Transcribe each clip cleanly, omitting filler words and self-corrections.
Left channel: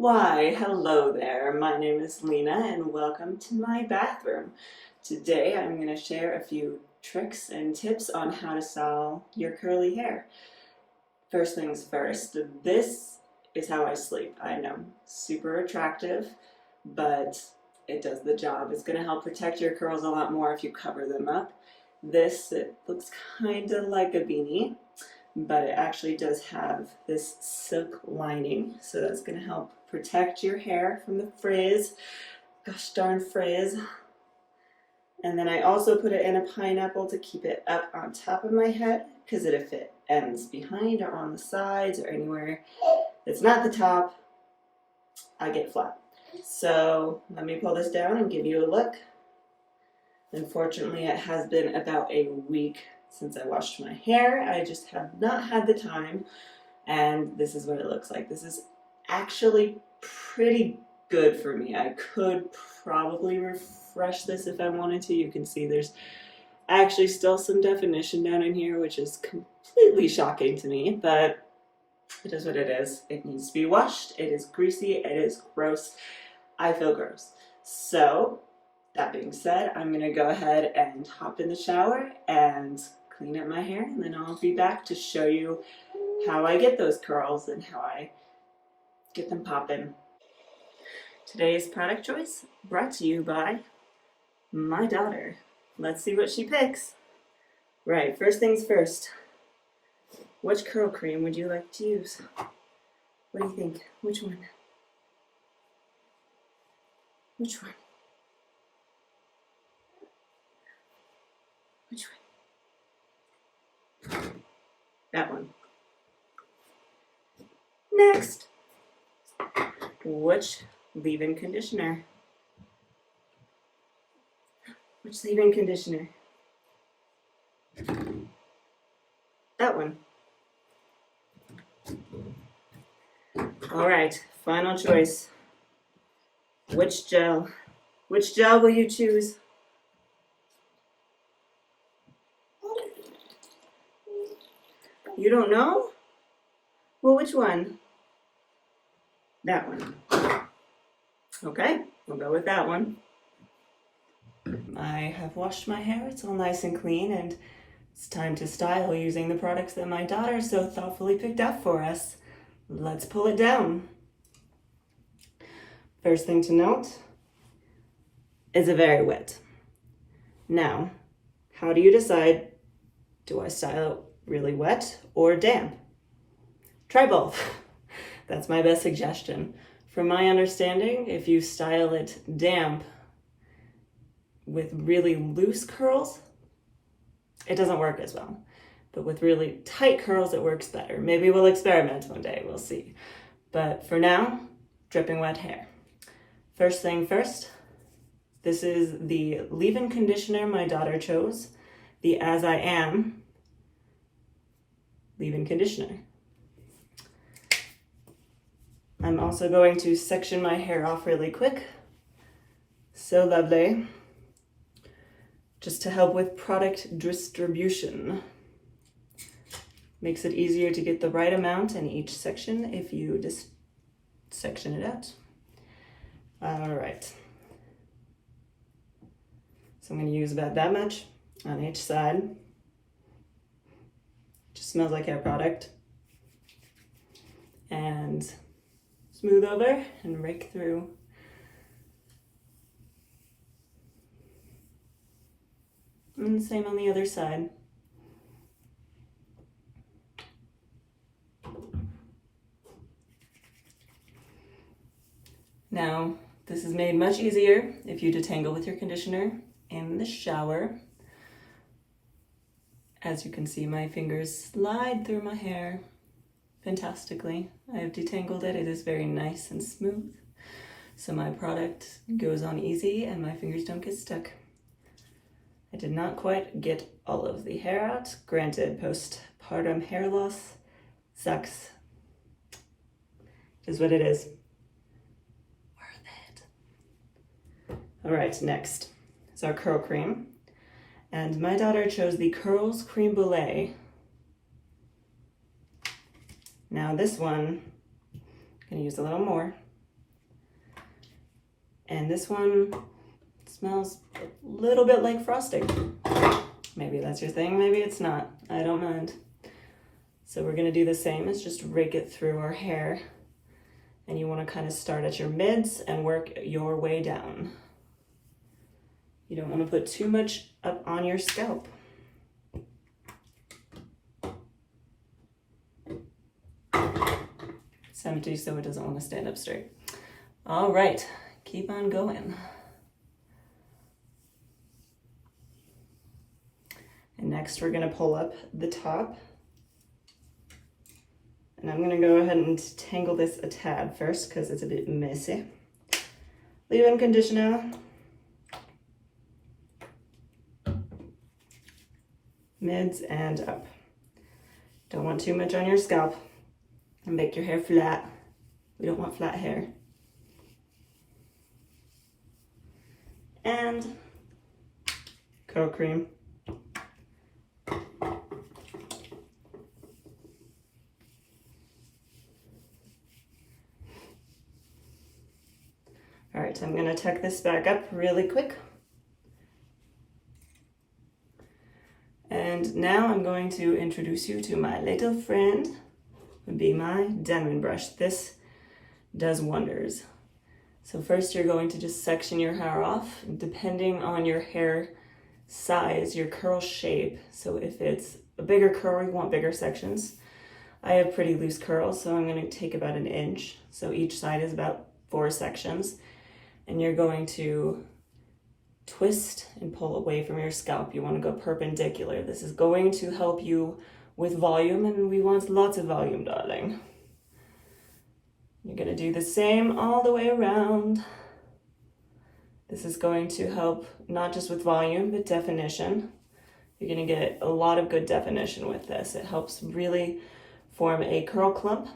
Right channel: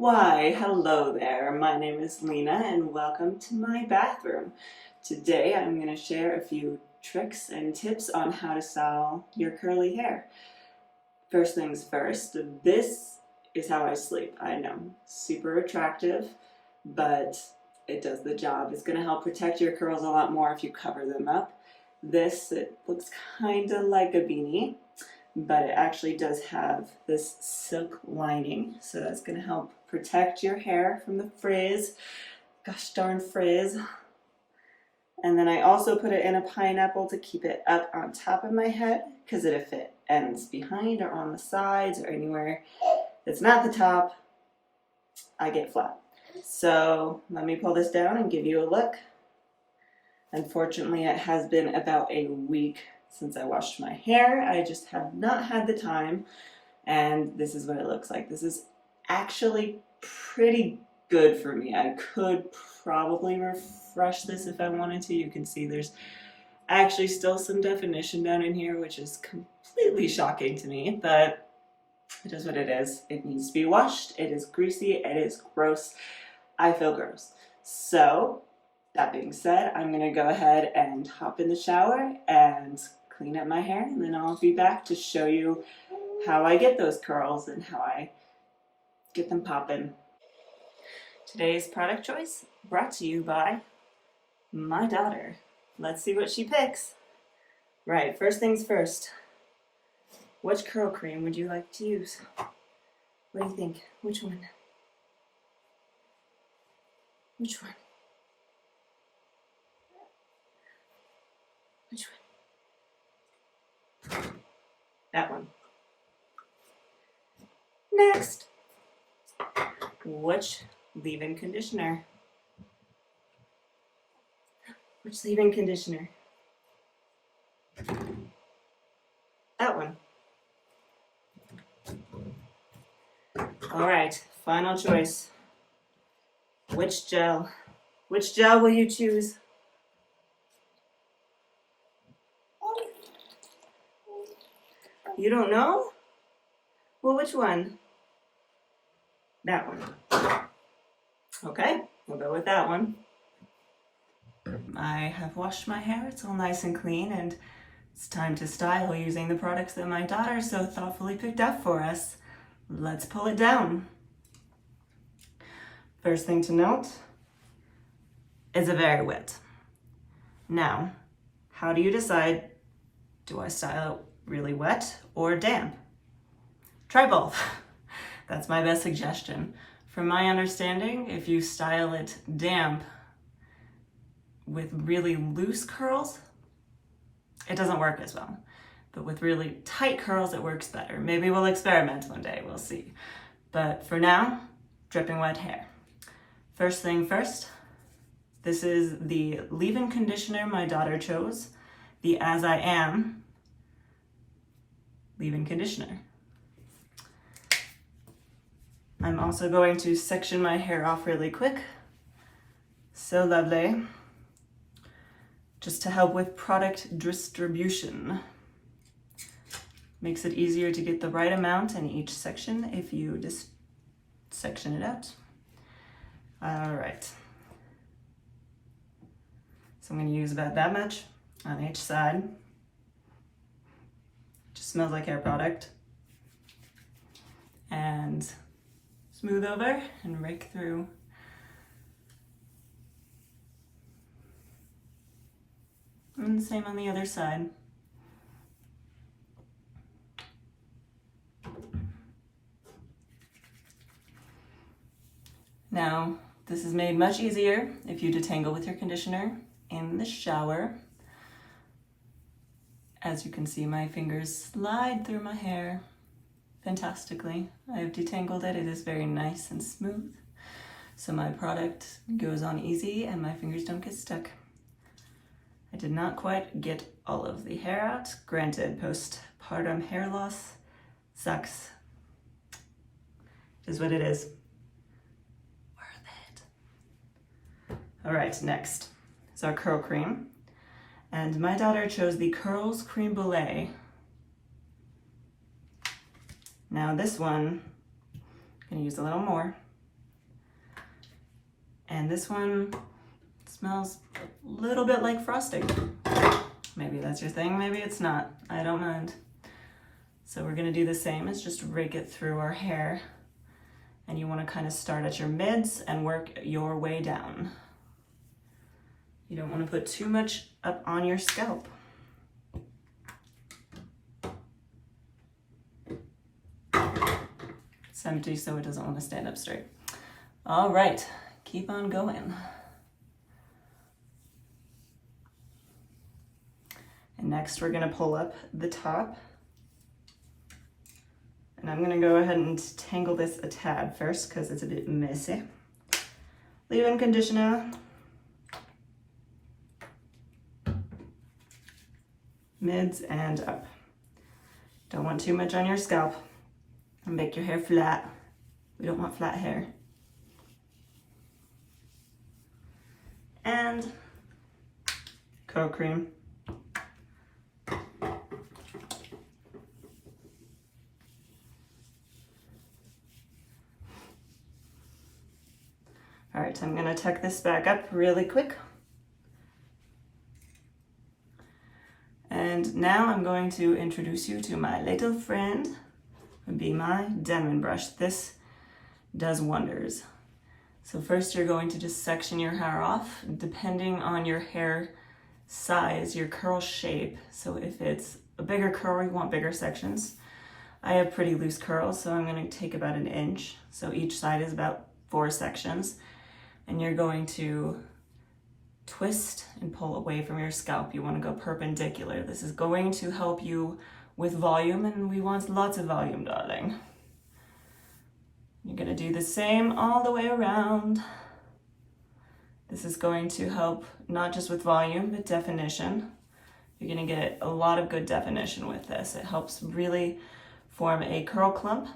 Why, hello there. My name is Lena and welcome to my bathroom. Today I'm going to share a few tricks and tips on how to style your curly hair. First things first, this is how I sleep. I know, super attractive, but it does the job. It's going to help protect your curls a lot more if you cover them up. It looks kind of like a beanie, but it actually does have this silk lining, so that's going to help protect your hair from the frizz. Gosh darn frizz. And then I also put it in a pineapple to keep it up on top of my head, because if it ends behind or on the sides or anywhere that's not the top, I get flat. So let me pull this down and give you a look. Unfortunately, it has been about a week since I washed my hair. I just have not had the time, and this is what it looks like. This is actually pretty good for me. I could probably refresh this if I wanted to. You can see there's actually still some definition down in here, which is completely shocking to me, but it is what it is. It needs to be washed. It is greasy. It is gross. I feel gross. So that being said, I'm going to go ahead and hop in the shower and clean up my hair, and then I'll be back to show you how I get those curls and how I get them popping. Today's product choice brought to you by my daughter. Let's see what she picks. Right, first things first. Which curl cream would you like to use? What do you think? Which one? Which one? Which one? That one. Next. Which leave-in conditioner? Which leave-in conditioner? That one. All right, final choice. Which gel? Which gel will you choose? You don't know? Well, which one? That one. Okay, we'll go with that one. I have washed my hair. It's all nice and clean, and it's time to style using the products that my daughter so thoughtfully picked out for us. Let's pull it down. First thing to note is it very wet. Now, how do you decide, do I style it really wet or damp? Try both. That's my best suggestion. From my understanding, if you style it damp with really loose curls, it doesn't work as well. But with really tight curls, it works better. Maybe we'll experiment one day, we'll see. But for now, dripping wet hair. First thing first, this is the leave-in conditioner my daughter chose, the As I Am leave-in conditioner. I'm also going to section my hair off really quick. So lovely. Just to help with product distribution. Makes it easier to get the right amount in each section if you just section it out. All right. So I'm going to use about that much on each side. Just smells like hair product. And smooth over and rake through. And same on the other side. Now, this is made much easier if you detangle with your conditioner in the shower. As you can see, my fingers slide through my hair fantastically. I have detangled it. It is very nice and smooth. So my product goes on easy and my fingers don't get stuck. I did not quite get all of the hair out. Granted, postpartum hair loss sucks. It is what it is. Worth it. All right, next is our curl cream. And my daughter chose the Curls Creme Brulee. Now this one, I'm gonna use a little more And this one smells a little bit like frosting. Maybe that's your thing, maybe it's not. I don't mind. So we're gonna do the same as just rake it through our hair. And you wanna kind of start at your mids and work your way down. You don't wanna put too much up on your scalp. It's empty, so it doesn't wanna stand up straight. All right, keep on going. And next we're gonna pull up the top. And I'm gonna go ahead and tangle this a tad first because it's a bit messy. Leave-in conditioner. Mids and up. Don't want too much on your scalp and make your hair flat. We don't want flat hair. And coat cream. All right, I'm gonna tuck this back up really quick. And now I'm going to introduce you to my little friend, would be my Denman brush. This does wonders. So first you're going to just section your hair off, depending on your hair size, your curl shape. So if it's a bigger curl, you want bigger sections. I have pretty loose curls, so I'm gonna take about 1 inch. So each side is about 4 sections. And you're going to twist and pull away from your scalp. You want to go perpendicular. This is going to help you with volume, and we want lots of volume, darling. You're going to do the same all the way around. This is going to help not just with volume, but definition. You're going to get a lot of good definition with this. It helps really form a curl clump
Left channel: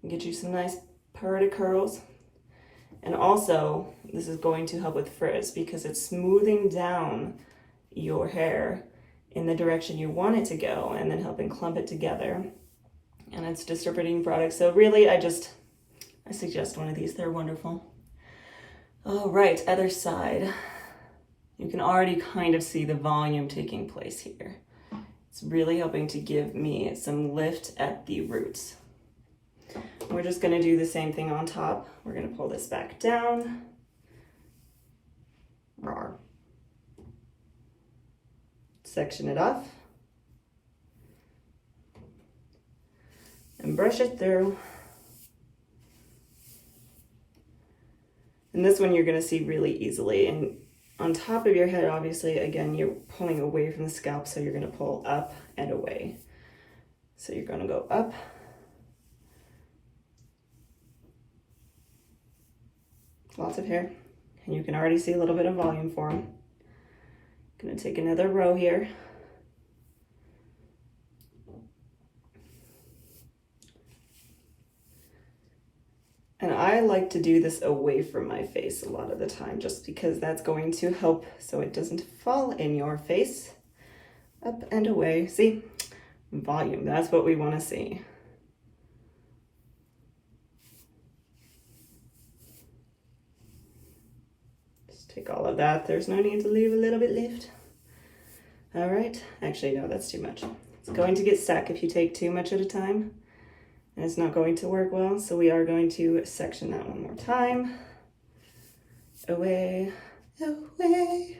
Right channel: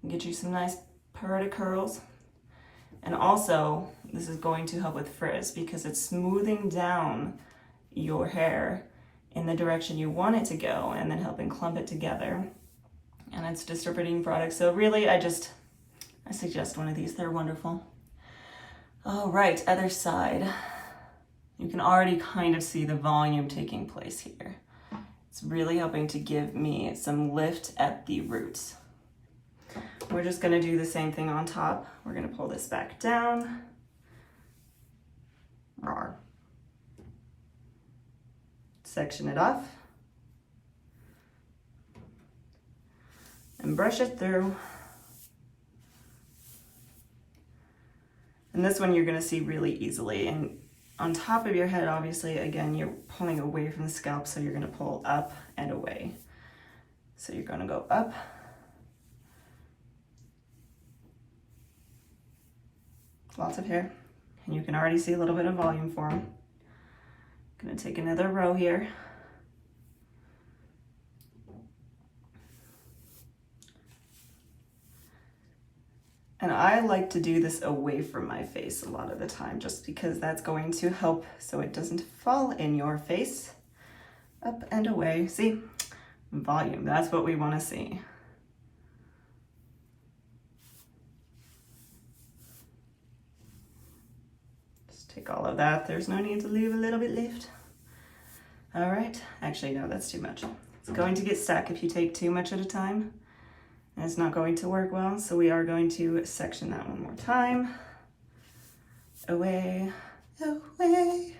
and get you some nice pretty curls. And also, this is going to help with frizz because it's smoothing down your hair in the direction you want it to go and then helping clump it together. And it's distributing product. So really, I suggest one of these. They're wonderful. All right, other side. You can already kind of see the volume taking place here. It's really helping to give me some lift at the roots. We're just gonna do the same thing on top. We're gonna pull this back down. Section it off. And brush it through. And this one you're gonna see really easily. And on top of your head, obviously, again, you're pulling away from the scalp, so you're gonna pull up and away. So you're gonna go up. Lots of hair, and you can already see a little bit of volume form. Gonna take another row here. And I like to do this away from my face a lot of the time, just because that's going to help so it doesn't fall in your face. Up and away, see? Volume, that's what we wanna see. Take all of that. There's no need to leave a little bit left. All right. Actually, no, that's too much. It's going to get stuck if you take too much at a time, and it's not going to work well. So we are going to section that one more time. Away, away,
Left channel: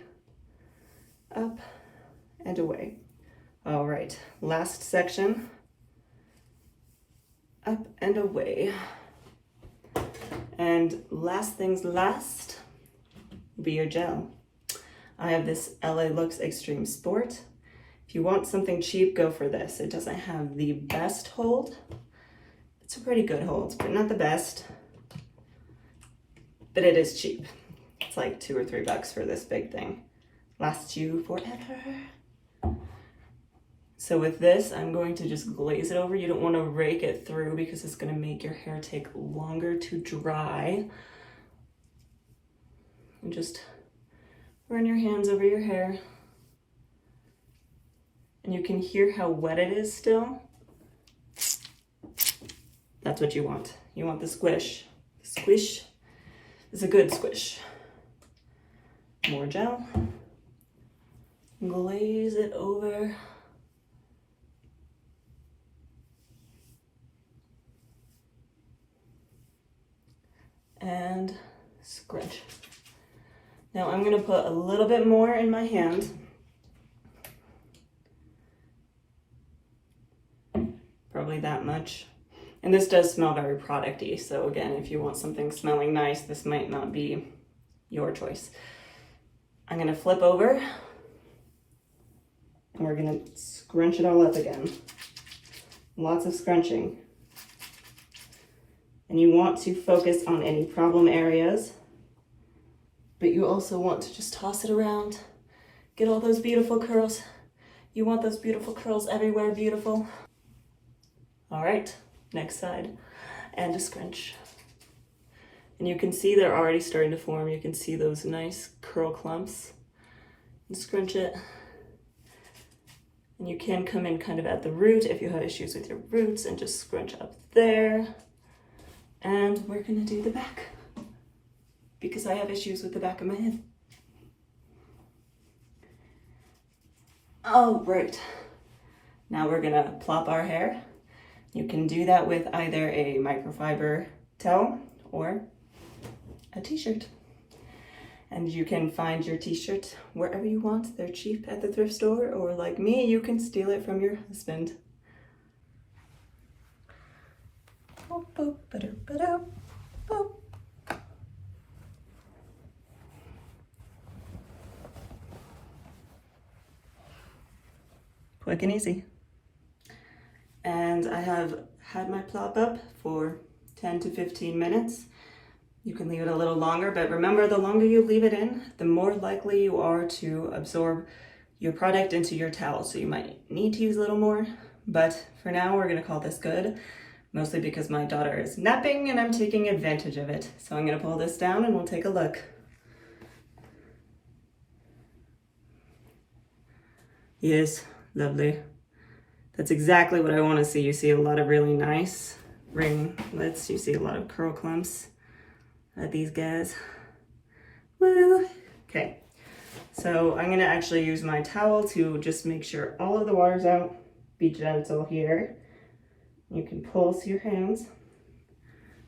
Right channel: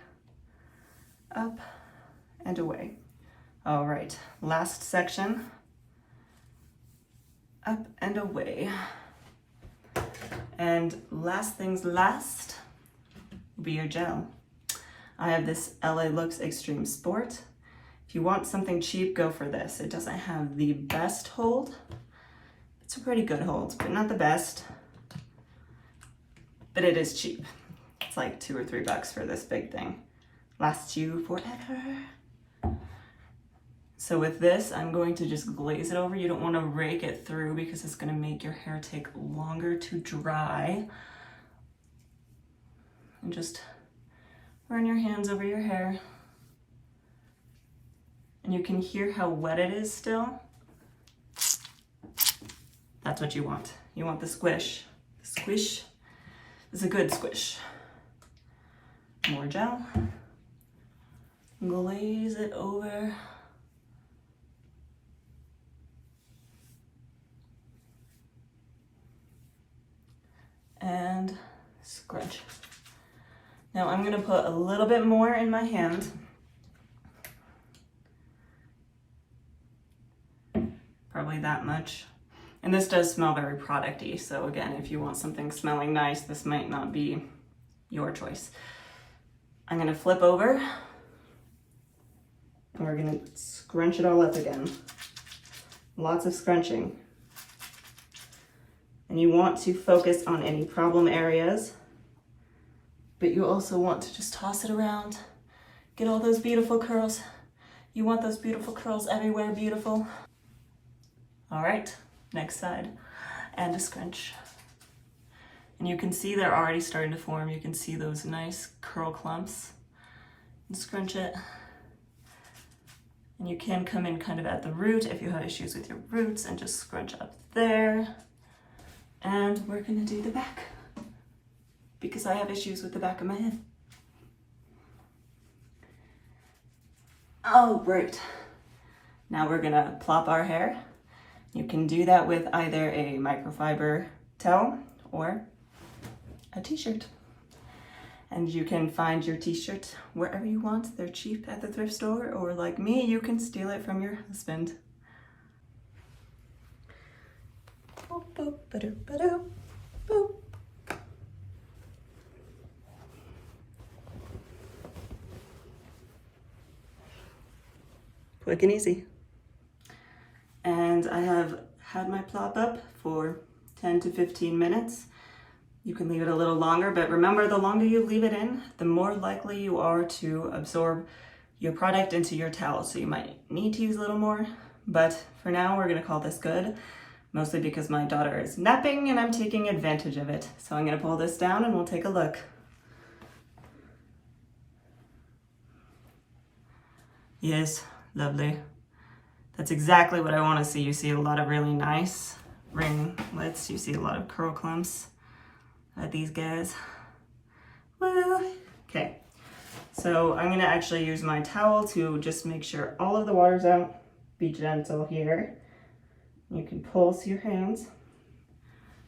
up, and away. All right. Last section. Up and away. And last things last. Be your gel. I have this LA Looks Extreme Sport. If you want something cheap, go for this. It doesn't have the best hold. It's a pretty good hold, but not the best. But it is cheap. It's like $2 or $3 for this big thing. Lasts you forever. So with this, I'm going to just glaze it over. You don't want to rake it through because it's going to make your hair take longer to dry. And just run your hands over your hair. And you can hear how wet it is still. That's what you want. You want the squish. The squish. is a good squish. More gel. Glaze it over. And scrunch. Now I'm gonna put a little bit more in my hand. Probably that much. And this does smell very product-y, so again, if you want something smelling nice, this might not be your choice. I'm gonna flip over, and we're gonna scrunch it all up again. Lots of scrunching. And you want to focus on any problem areas, but you also want to just toss it around. Get all those beautiful curls. You want those beautiful curls everywhere, beautiful. All right, next side, and a scrunch. And you can see they're already starting to form. You can see those nice curl clumps. And scrunch it. And you can come in kind of at the root if you have issues with your roots and just scrunch up there. And we're gonna do the back because I have issues with the back of my head. Oh, right. Now we're gonna plop our hair. You can do that with either a microfiber towel or a t-shirt. And you can find your t-shirt wherever you want. They're cheap at the thrift store, or like me, you can steal it from your husband. Quick and easy. And I have had my plop up for 10 to 15 minutes. You can leave it a little longer, but remember, the longer you leave it in, the more likely you are to absorb your product into your towel. So you might need to use a little more, but for now we're gonna call this good, mostly because my daughter is napping and I'm taking advantage of it. So I'm gonna pull this down and we'll take a look. Yes, lovely. That's exactly what I want to see. You see a lot of really nice ringlets. You see a lot of curl clumps at these guys. Woo! Okay, so I'm going to actually use my towel to just make sure all of the water's out. Be gentle here. You can pulse your hands.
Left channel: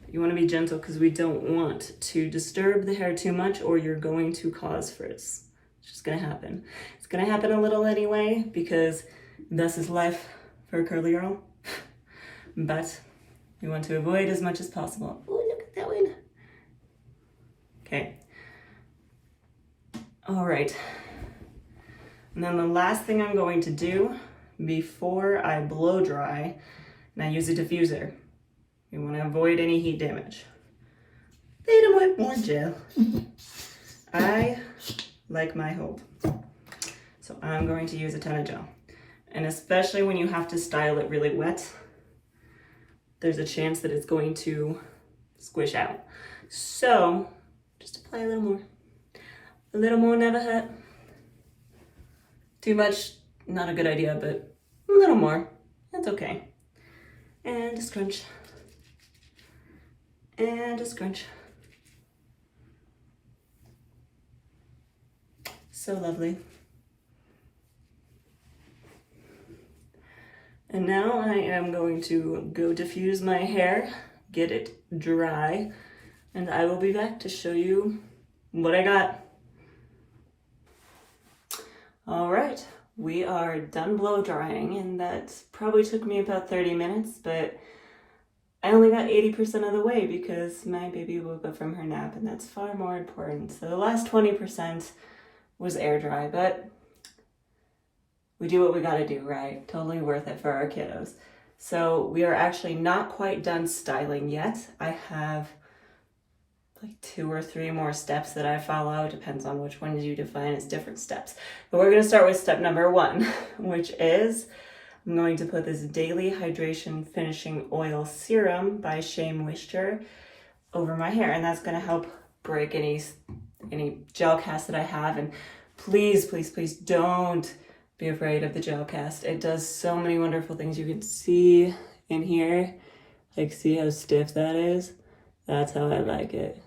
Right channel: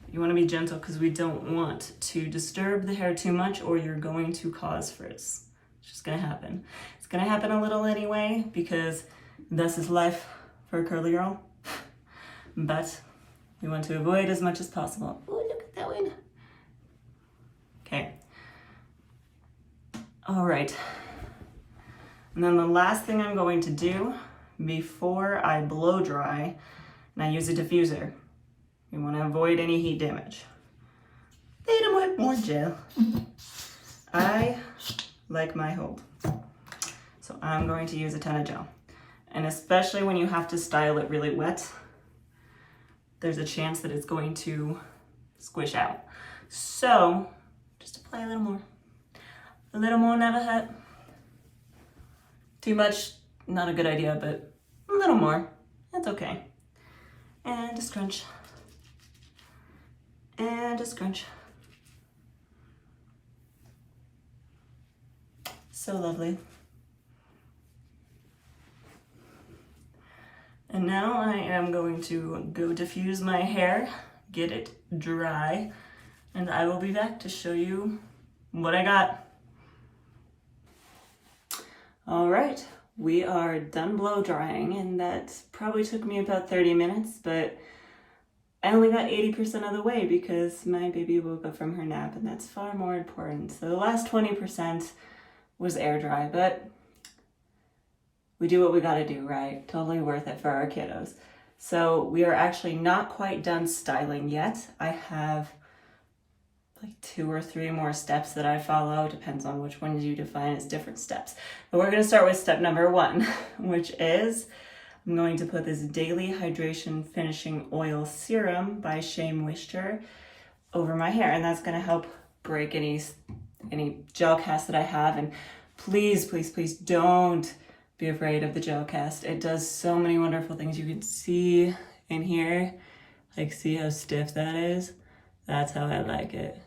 But you want to be gentle because we don't want to disturb the hair too much or you're going to cause frizz. It's just going to happen. It's going to happen a little anyway because this is life for a curly girl, but you want to avoid as much as possible. Oh, look at that one. Okay. All right. And then the last thing I'm going to do before I blow dry, and I use a diffuser. You want to avoid any heat damage. They don't want more gel. I like my hold. So I'm going to use a ton of gel. And especially when you have to style it really wet, there's a chance that it's going to squish out. So just apply a little more. A little more never hurt. Too much, not a good idea, but a little more, that's okay. And a scrunch. And a scrunch. So lovely. And now I am going to go diffuse my hair, get it dry, and I will be back to show you what I got. All right, we are done blow drying, and that probably took me about 30 minutes, but I only got 80% of the way because my baby woke up from her nap, and that's far more important. So the last 20% was air dry, but we do what we gotta do, right? Totally worth it for our kiddos. So we are actually not quite done styling yet. I have like 2 or 3 more steps that I follow. It depends on which ones you define as different steps. But we're gonna start with step number 1, which is I'm going to put this Daily Hydration Finishing Oil Serum by Shea Moisture over my hair, and that's gonna help break any gel cast that I have. And please, please, please don't be afraid of the gel cast. It does so many wonderful things. You can see in here, like see how stiff that is? That's how I like it.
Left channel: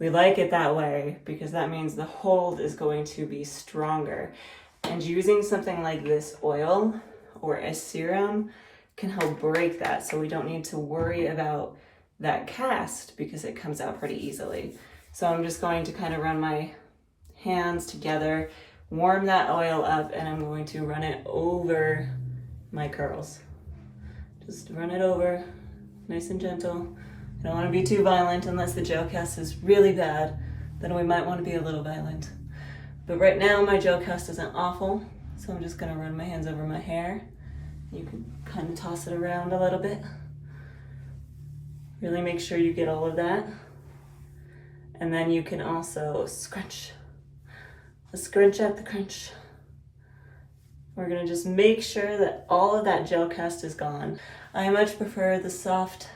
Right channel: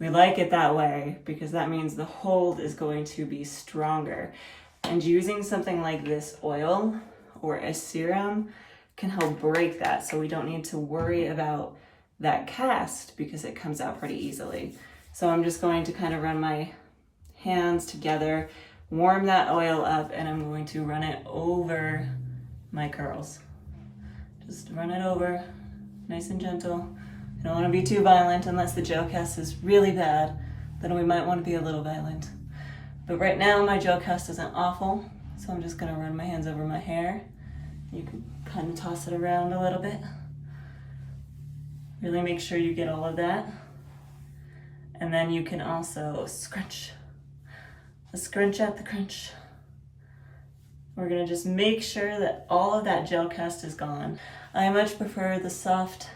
We like it that way because that means the hold is going to be stronger. And using something like this oil or a serum can help break that, so we don't need to worry about that cast because it comes out pretty easily. So I'm just going to kind of run my hands together, warm that oil up, and I'm going to run it over my curls. Just run it over, nice and gentle. I don't want to be too violent unless the gel cast is really bad, then we might want to be a little violent. But right now my gel cast isn't awful, so I'm just going to run my hands over my hair. You can kind of toss it around a little bit. Really make sure you get all of that. And then you can also scrunch. Let's scrunch at the crunch. We're going to just make sure that all of that gel cast is gone. I much prefer the soft,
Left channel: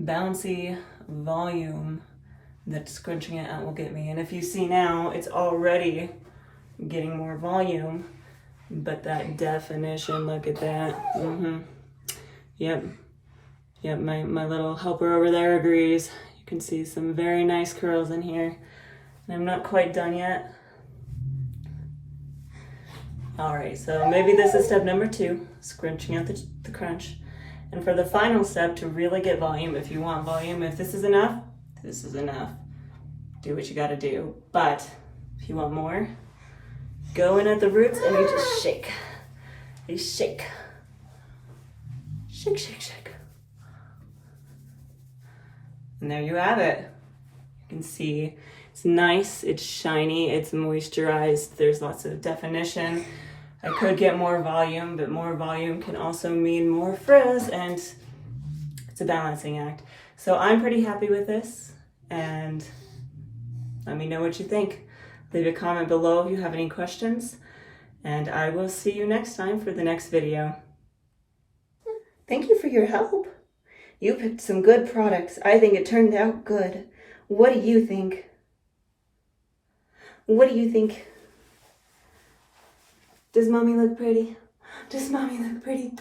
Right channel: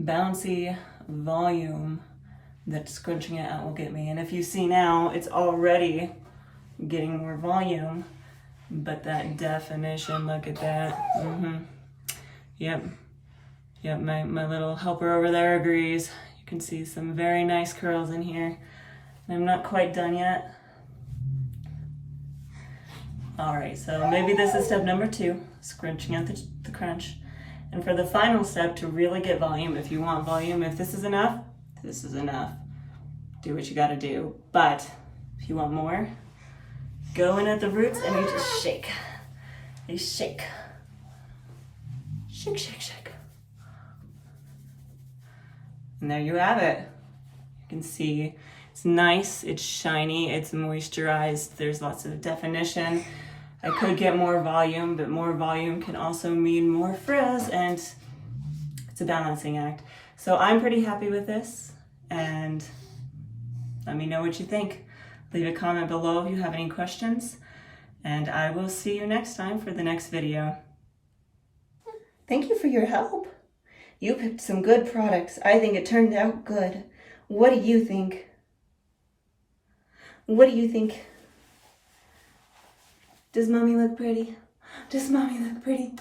bouncy volume that scrunching it out will get me. And if you see now, it's already getting more volume, but that definition, look at that. Yep, my little helper over there agrees. You can see some very nice curls in here. And I'm not quite done yet. All right, so maybe this is step number 2, scrunching out the crunch. And for the final step, to really get volume, if you want volume, if this is enough, this is enough. Do what you gotta do. But if you want more, go in at the roots and you just shake. You shake. Shake, shake, shake. And there you have it. You can see it's nice, it's shiny, it's moisturized, there's lots of definition. I could get more volume, but more volume can also mean more frizz, and it's a balancing act. So I'm pretty happy with this, and let me know what you think. Leave a comment below if you have any questions, and I will see you next time for the next video. Thank you for your help. You picked some good products. I think it turned out good. What do you think? What do you think? Does mommy look pretty? Does mommy look pretty?